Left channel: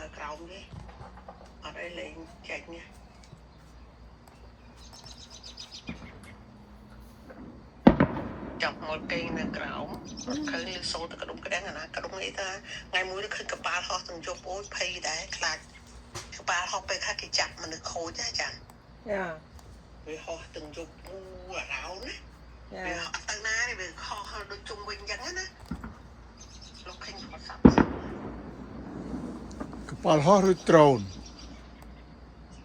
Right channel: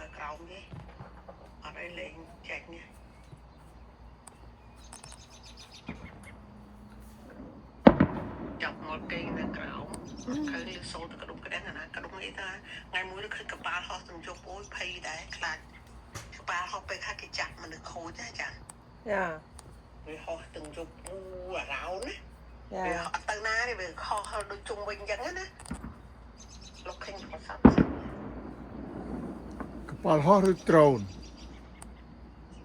នៅក្រោមទេអត់អីលេងចែកនេះចាប់មកពេងនៅក្រោមឃើញសូទៅក្ដុំក្ដាំងអាណាក្ដុំនេះថាថ្ងៃមួយឃើញកប៉ាល់ហោះទាំងយប់អូយភ័យដែរខ្លាចកប៉ាល់ហោះពេលថាគេចាប់មនុស្សខូចណាចាចាវាហោះទាំងយប់អូអារោណាវាអត់ទៅណាទេវាហោះដូចជុំវិញអញ្ចឹងណាលោកឃើញប្រសាទកប៉ាល់ហោះឬដ្រូន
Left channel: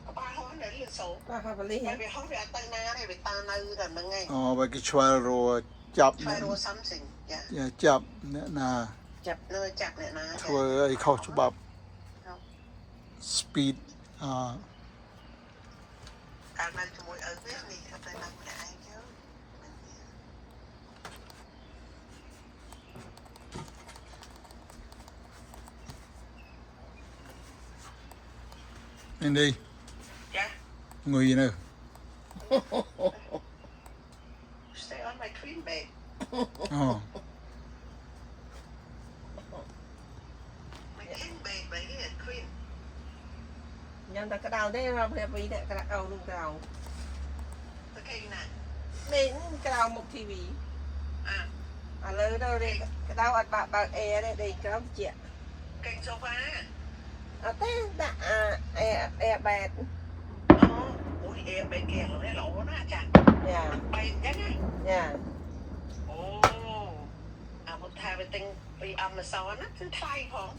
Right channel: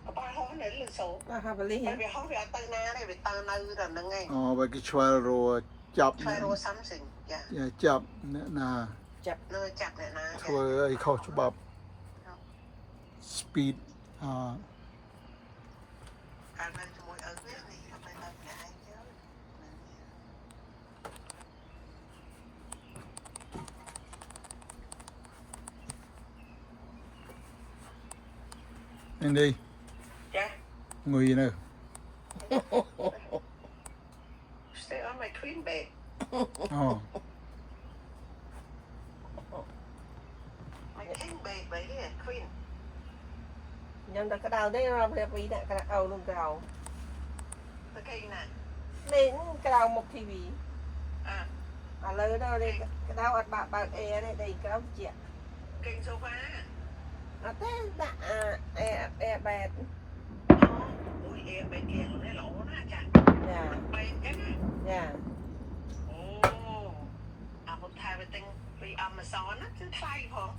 កប៉ាល់ហោះនៅលើសូបាទបលីហ៎វាហោះវាអត់ទៅណាទេវាតើនៅតែហ្នឹងឯងអូបើគេឆ្វែលរកចាប់ ឆ្វែលរក something ចាចាប់អ្នកណាចាប់អ្នកណាធ្វើអីខុសច្បាប់ speed ការនៅជាមួយឪវានេះអត់ទៅនៅម្នាក់ឯងទេនេះចាងុយនៅ stay on my queen bed អូ my king bed បែរ queen ញ៉ាំតែក្តៅទេរំរៀបពីអ្នកក្តៅនឹងក្តៅទៅគេណានេះក្តៅមុខ TV ឥឡូវទៅក្តៅអត់បើកអេទេដេកក្រោមជាគេសូហ្វាអត់ទេដាក់អេបែតអូយអេបែតគេឡូវណាចាយ៉ាបែតចឹងណាយ៉ាអូអាមកថាទៅទិញពី Amazon ណាគឺថ្លៃផង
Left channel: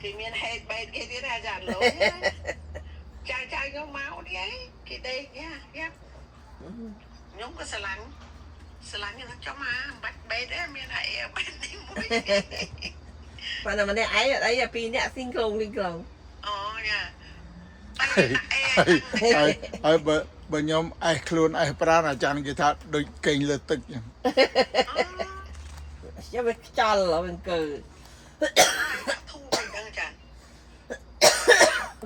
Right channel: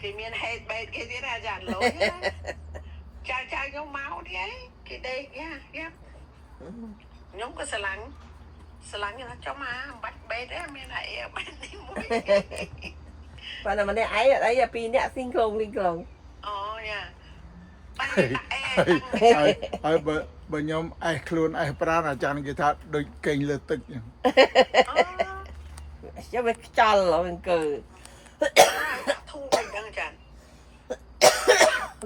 គេមាន head bed គេទៀតអាចារ្យលុយចាខ្ញុំមកនេះឯងគេដេកយ៉ាខ្ញុំក៏ស្រឡាញ់ណាចុះមកអំបាច់ bed ទេមានតែ air bed នេះមួយប៉ុន្តែម្នាក់ឯងអត់អីពីរនាក់ស៊ីងខ្លងអូយ៉ាហើយបើខ្ញុំអេសខ្លួនអេសប្រាណអាចារ្យគេថាដូចកេងលើទឹកចឹងចាំវាខ្ចល់អង្គើធូរវិញចឹងចា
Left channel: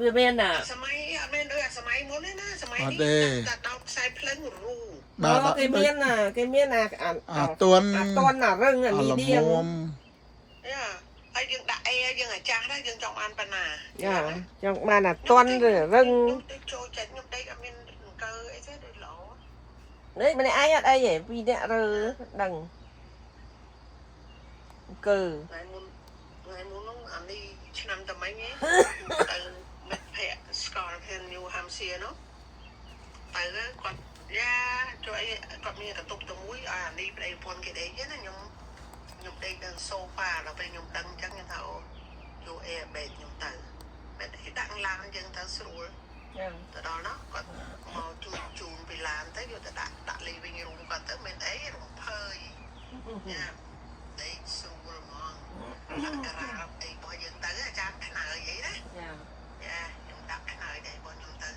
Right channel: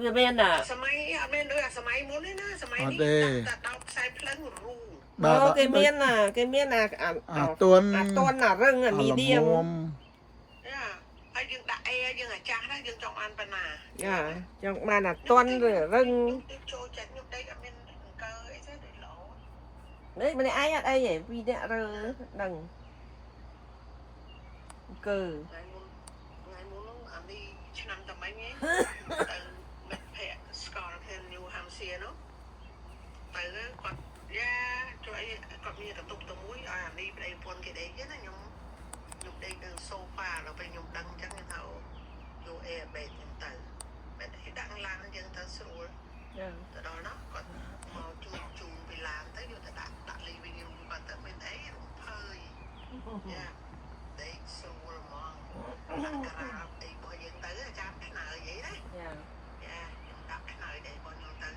វាមានសម័យអត់មានដូចសម័យមុនទេណាសម័យនេះតែដោតខ្សែភ្លឹងរូបាទគេមានអាទួនរឹងមីឌៀមយ៉ាហើយយើងដាក់អេយើងអាចាស់ដែរយើងចង់បានប៉ុណ្ណាយ៉ាចង់បានអាទួនរឹងចូលចិត្តខ្ញុំដេកអត់មានអង្គើអីទេដូចល្អនេះម្នាក់ឯងអត់អីទេពីរនាក់រើដឹងអង្គើថ្ងៃមុននោះអានេះឆ្នាំតែមិញទៅមិត្តភ័ក្តិស្គាល់គ្នា New Hampshire នោះទៅគាត់យ៉ាជួយគាត់មានកន្ទប់ទៅមួយអានេះប្តីប្រពន្ធគេដេកណាខ្ញុំដេកនៅសូហ្វាដល់ពេលខ្ញុំដឹងអញ្ចឹងថាអូយក air bed ខ្ញុំទៅមិនគេដាក់ឡានយើងទៅស្រួលទៅដល់នោះគាត់មកជូនពីឡានទៅយកទៅដាក់លេវិញរូបគាត់ទៅមិនអីរំភើយយ៉ាដេកស្រួលហ្មងដាក់តារាអីរបស់យើងទៅអាចារ្យខ្នើយអីណាយ៉ាខ្ញុំដាក់ខ្នើយដែរបងខ្ញុំទៅ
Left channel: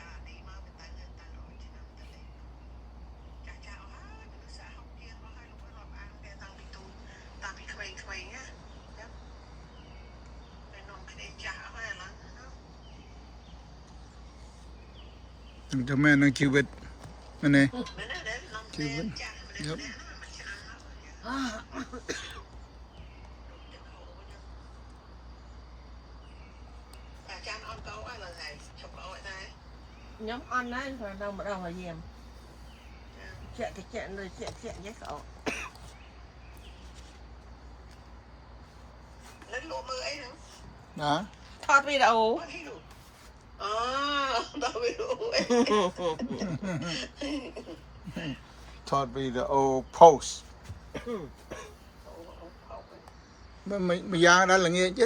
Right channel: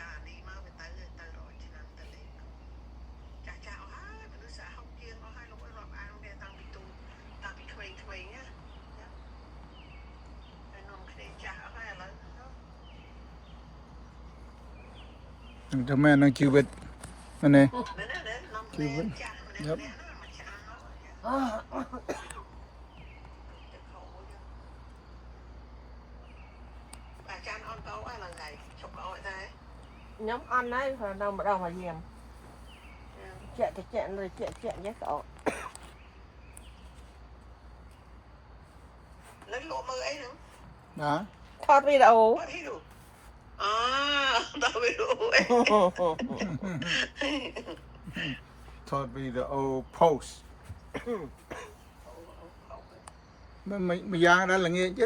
អានេះមកទៅរត់ឆ្នាំទៅចាស់ហើយមនុស្សសហគមន៍ទៀតមកឲ្យលោករាប់អានវាតាំងពីក្មេងៗណាចាហើយនំគ្នាចាស់អស់ហើយឥឡូវនឹងតែមែននឹងជីវិតមែនទេជីវិតយ៉ាប់ខ្ញុំអន់ហើយហើយនៅម្ដងហើយយាមជាក់លើជាក់យ៉ាងស្អកនៅលក់មើលអីហ្នឹងណាថតវីដេអូដល់វីដេអូថតវីដេអូ post មួយយ៉ាងដល់ល្ងាចទេ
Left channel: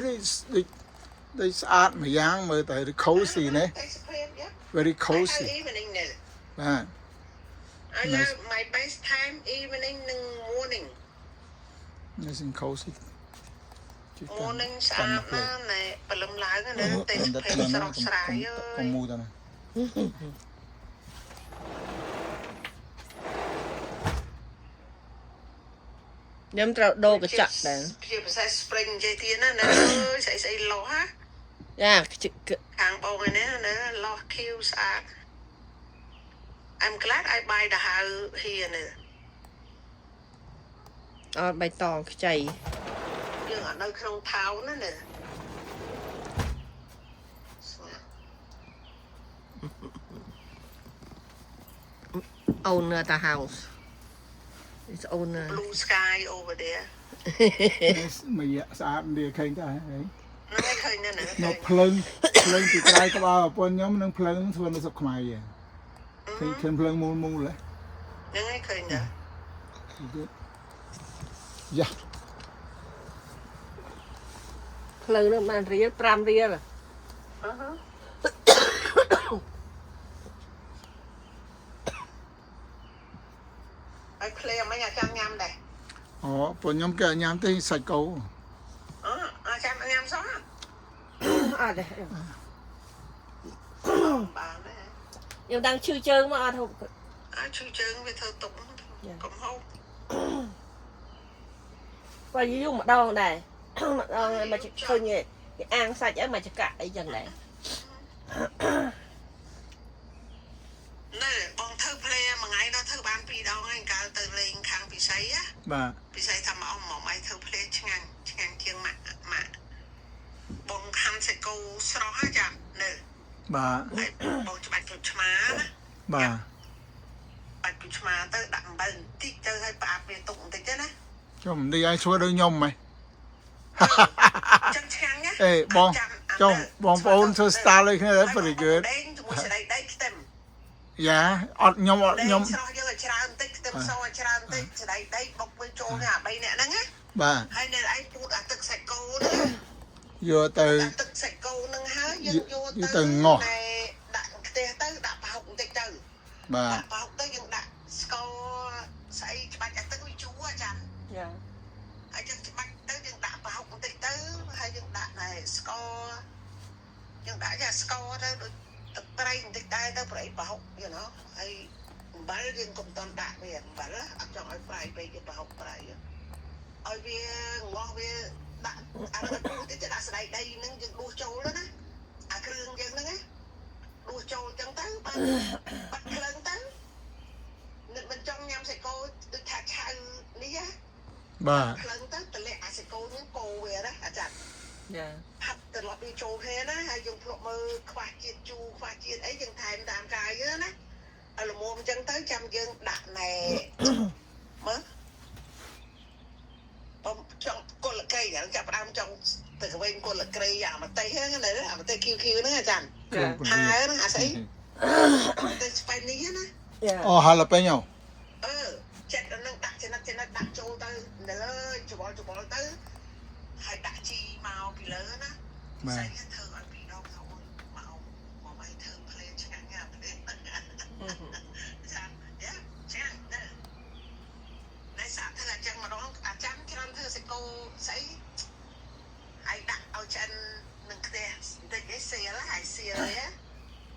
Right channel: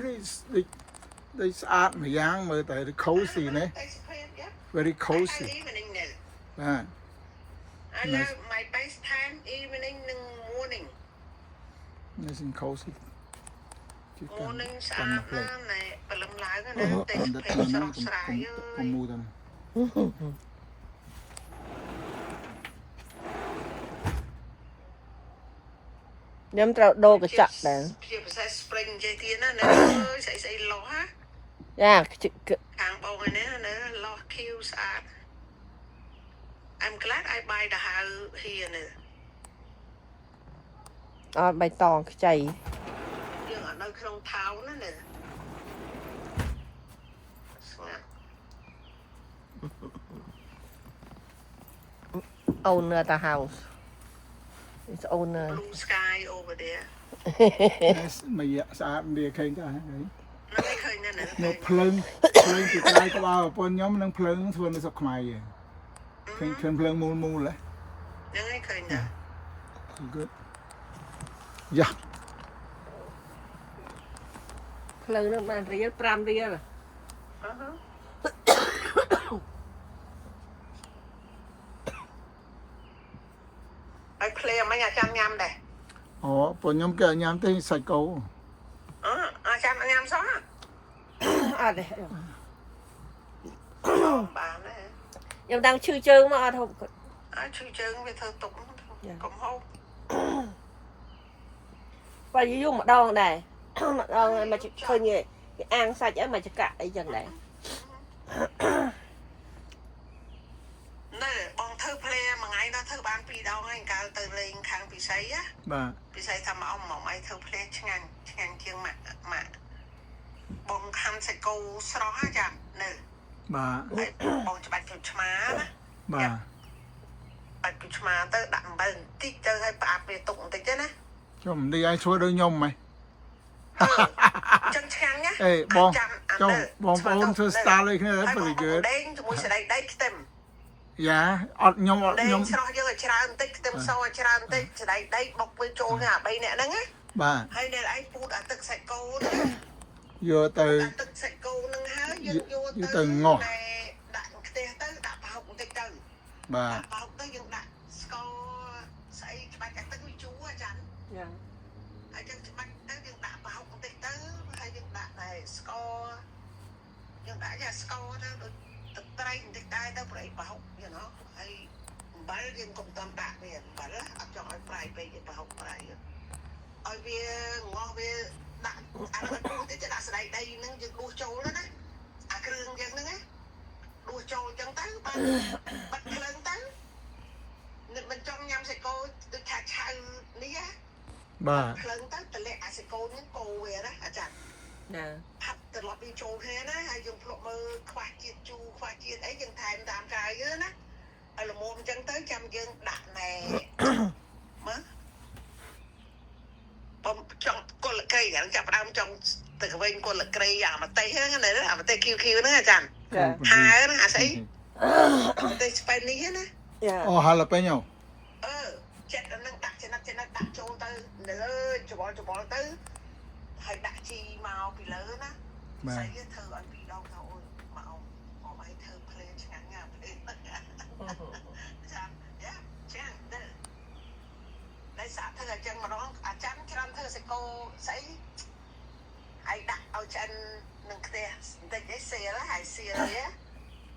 ដូចស្អាតមួយយ៉ាងមើលតែ cozy ណា very cozy បាទ I love my best time evening និង morning nice and cozy ជួយកាន់ផ្លេតព្រលឹមឡើងណាទេស្ពេសស្រស់ស្រាយអើយកុំមូទៅណាខ្ញុំត្រូវដូរកញ្ចក់ដែរជាភាសា spring និយាយទៀតណាអើយស្អីលោះហ่าយ៉ាខាងបងឯណាលោះ Q ស្អាត I'm glad I buy the house here អត់បៃតងខ្ចី យើងអត់នៅក្នុងថោណាណាស្ងាត់ owner the house it's owner blue sky over there មកយ៉ាស្អាតវាឃើញចាហើយ នៅឃើញណាណា នោះភ្លើងពីក្រោយក្បាលប្រពន្ធខ្ញុំនឹងភ្លើងធ្វើនៅស្រុកខ្មែរយើងឃើញភ្លើងមូលហ៎ ហ្នឹងឯងឃើញណា good យ៉ា ផ្លូវនោះបានរៀល5រៀល ឲ្យភ្លេមិនអាចាំញ៉ាំដែរ អូប្រពន្ធខ្ញុំគេញ៉ាំទេសាច់គោ អាចាំញ៉ាំសោះ អត់ទេ បានដែរ ខ្ញុំដឹងឈឺជើងមកអត់ហូប អាចឈឺជើងវាធ្វើទុកកុំហូប បើយូរម្ដងដែរម្ដងមកឃើញគេអាងសាច់អីមកចកាក់អីចឹងដែរ ណែបងធ្វើភ្លេមួយថ្ងៃដល់ធ្វើបាន2ដងហើយកាលទៅលេងខាងពិសីណា បាទ ពិសីថាមកអ៊ំមកឯងធ្វើភ្លេឆ្ងាញ់ជាងម៉ាក់បងខាំសាច់គោស្រស់ហ่าចានៅ បាទ បងច្បាច់គ្រុឆ្មាណា បាទ បាច់គ្រុឆ្មាទៅដាក់អំបិលបន្តិចទៅឲ្យផ្អាប់ពេលទុកបន្តិចទៅណា ខ្ញុំនេះឲ្យធ្វើដូចខ្ញុំហ៎ ចឹងឆ្ងាញ់ណា អេបងចុះបងប្អូនធ្វើ style ដូចគ្នា very good ដេងជាមួយស្ដីដៃខ្ទឹម យ៉ាអត់ខ្ញុំ ស្រស់យើងឲ្យច្រើនបន្តិចខ្ទឹមសច្រើនបន្តិចស្ដីដៃបុកវាចូលគ្នាអា3នាក់ហ្នឹងណា បាទ ហើយនៅឯងពូតអាទឹកសាច់គោហ្នឹង យកទៅ ទឹកសាច់គោហ្នឹងហើយយើងយក ទៅងោះ ដាក់ខ្ទះទៅដាក់ប្រហុកបន្តិចទៅ បាទ ប្រហុកទៅយើងដាក់ស្ករស្អីច្បាច់អាទឹកវាជូរអាចារ្យ ចា ហើយយើងច្បាច់ទៅយើងដាក់ប្រហុកបន្តិចទៅហើយយើងដាក់ណែស្ករយើងដាក់យ៉ាស្ករទៅដូចទឹកប្រៃបន្តិចដែរទៅប្រៃប្រហុកយល់ណោះហើយអំបិលយើងកុំតំដាក់វាអំបិលអត់ចង់ឲ្យប្រៃពេកប្រហុកប្រៃឲ្យវាងោះវាដាក់អានោះទៅដាក់ស្ដៃដីហ្នឹងយើងដួសចូលទៅណាអាគ្រឿងយើងហ្នឹងណាដួសចូលចឹងទៅបានបាត់ភ្លើងទៅមិនចង់ញ៉ាំសាច់គោដូចថាឆៅនេះណា បាទ ភ្លើងទៅតម្លាក់អាសាច់គោហ្នឹងគោវាណាអាចារ្យ ណា ហាត់ត្រឡប់វាចូលគ្នាណាហើយយើងភ្លក់មើលខ្វះជាតិជូរខ្វះជាតិអីយើងថែមតាមកាយយើងណាឲ្យល្មមអញ្ចឹងទៅចាំយើងដាក់ណែមើលបំចង់កុលកៃហ្នឹងចាប់ដើមចង់ទៅកវិញកុលកៃអាមតេហ្នឹងណាអាមតេ QQ ហ្នឹងអាចារ្យហើយណាអាស្អីអាមតេស្ប៉ៃនេះណា ចា អូហាឡាពេញអូ ចិត្តហ្នឹងដាក់ចំណិតដាក់ចូលទៅនៅលើច្បល់ទៅហើយដាក់ជីមកពីលើណា បាទ ស្អីធ្វើឲ្យពីដងទៅអូនមកឲ្យធ្វើភ្លេងឆ្ងាញ់ណាភ្លេងចាយ៉ាចាតែសាធ្វើអញ្ចឹងម្ដងអាចារ្យច្រើនធ្វើសាច់គោស្អីហើយដាក់ឲ្យឆ្អិននឹងខ្ទះបន្តិចឯងសៀលហើយសៀលហ៎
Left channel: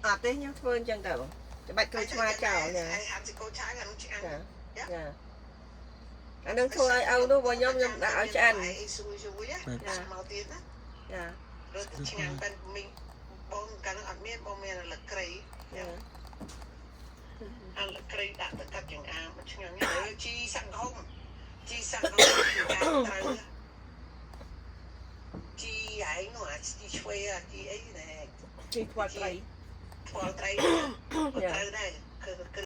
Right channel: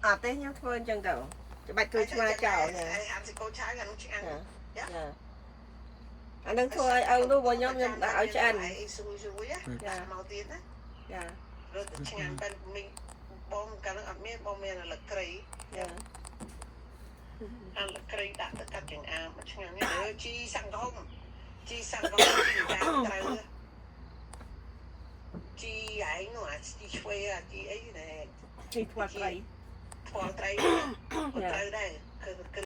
អត់ទេខ្ញុំធ្វើអញ្ចឹងទៅច្បាច់គ្រូឆ្មាចោលណា ហើយហាន់សាច់គោឆាអានោះឆ្ងាញ់ ចាអានឹងធ្វើឲ្យឪនោះបងខ្ញុំដាក់ឲ្យឆ្អិន អីស៊ុយចាមកទៀតណា ចា រត់ឆ្ងាញ់ប៉ិនមីងបងកាលនោះអត់មានបងមានលក្ខី ចា អលក្ខីដាក់ទៅកាត់ចង្អាមឆ្ងាញ់ណាស់ជីសង្ឃុំជីតាមត្រូវជីឯងនោះអាជីឆ្វេអាជីអីណែ ជីផ្លាត់ត្រី ផ្លាល់ត្រីត្រូវដែរគឺ